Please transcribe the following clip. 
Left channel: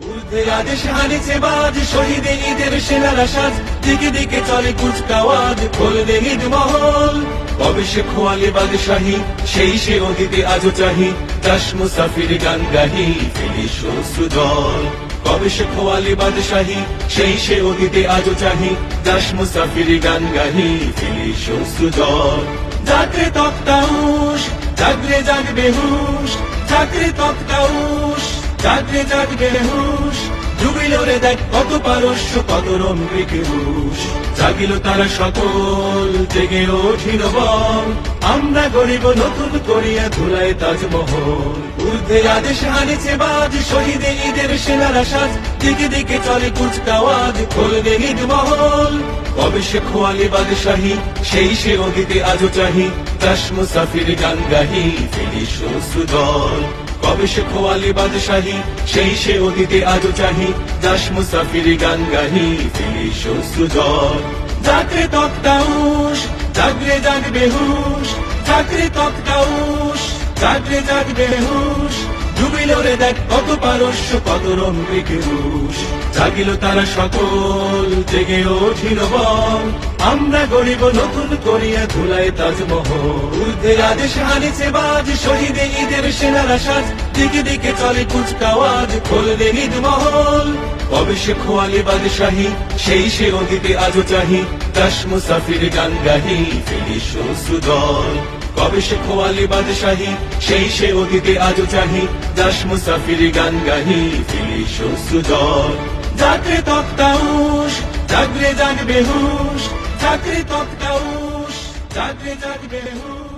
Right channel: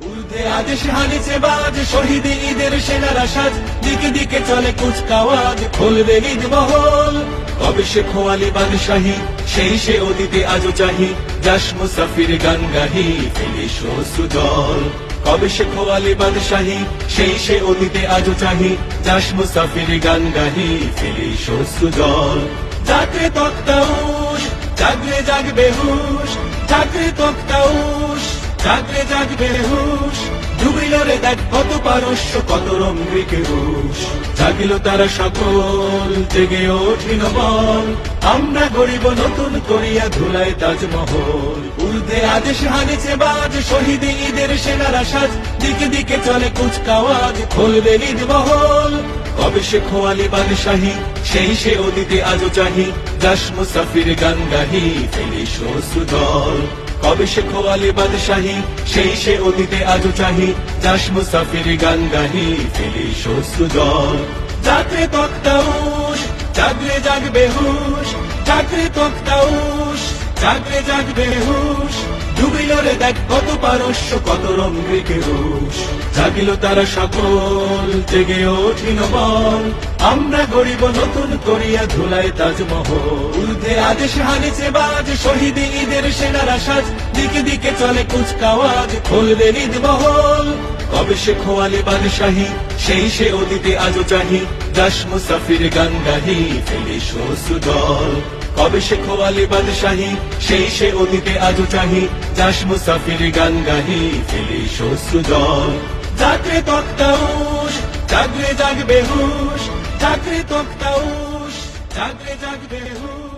উর্ধে আদেশ হারিছে বাজ, শহীদে ঈদের সেনারা সাজ, দিকে দিকে চলে কুচকাওয়াজ, খুলবে ঈদ মহল। কবে সে খোয়ালে বাদশাহী, সেই সে অতীতে আজও চাহি, যাস মুসাফির গান গাহি, ফেলিস অশ্রু জল। কবে সে খোয়ালে বাদশাহী, সেই সে অতীতে আজও চাহি, যাস মুসাফির গান গাহি, ফেলিস অশ্রু জল। জাগরে তক্তাউশ, জাগরে জাগবে হুশ, জাগরে তক্তাউশ, জাগরে জাগবে হুশ। ডুবিল রে দেখ কত পারস্য, কত রঙ্গিকে রুশ। জাগিল তারা সকল, জেগে ওঠিল বল, আমরা গরিব নতুন করিয়া ধুলাই তাজমহল। উর্ধে আদেশ হানেছে বাজ, শহীদে ঈদের সেনারা সাজ, দিকে দিকে চলে কুচকাওয়াজ, খুলবে ঈদ মহল। কবে সে খোয়ালে বাদশাহী, সেই সে অতীতে আজও চাহি, যাস মুসাফির গান গাহি, ফেলিস অশ্রু জল। কবে সে খোয়ালে বাদশাহী, সেই সে অতীতে আজও চাহি, যাস মুসাফির গান গাহি, ফেলিস অশ্রু জল। জাগরে তক্তাউশ, জাগরে জাগবে হুশ, জাগরে তক্তাউশ, জাগরে জাগবে হুশ। ডুবিল রে দেখ কত পারস্য, কত রঙ্গিকে রুশ। জাগিল তারা সকল, জেগে ওঠিল বল, আমরা গরিব নতুন করিয়া ধুলাই তাজমহল। উর্ধে আদেশ হানেছে বাজ, শহীদে ঈদের সেনারা সাজ, দিকে দিকে চলে কুচকাওয়াজ, খুলবে ঈদ মহল। কবে সে খোয়ালে বাদশাহী, সেই সে অতীতে আজও চাহি, যাস মুসাফির গান গাহি, ফেলিস অশ্রু জল। কবে সে খোয়ালে বাদশাহী, সেই সে অতীতে আজও চাহি, যাস মুসাফির গান গাহি, ফেলিস অশ্রু জল। জাগরে তক্তাউশ, জাগরে জাগবে হুশ, জাগরে তক্তাউশ, জাগরে জাগবে হুশ।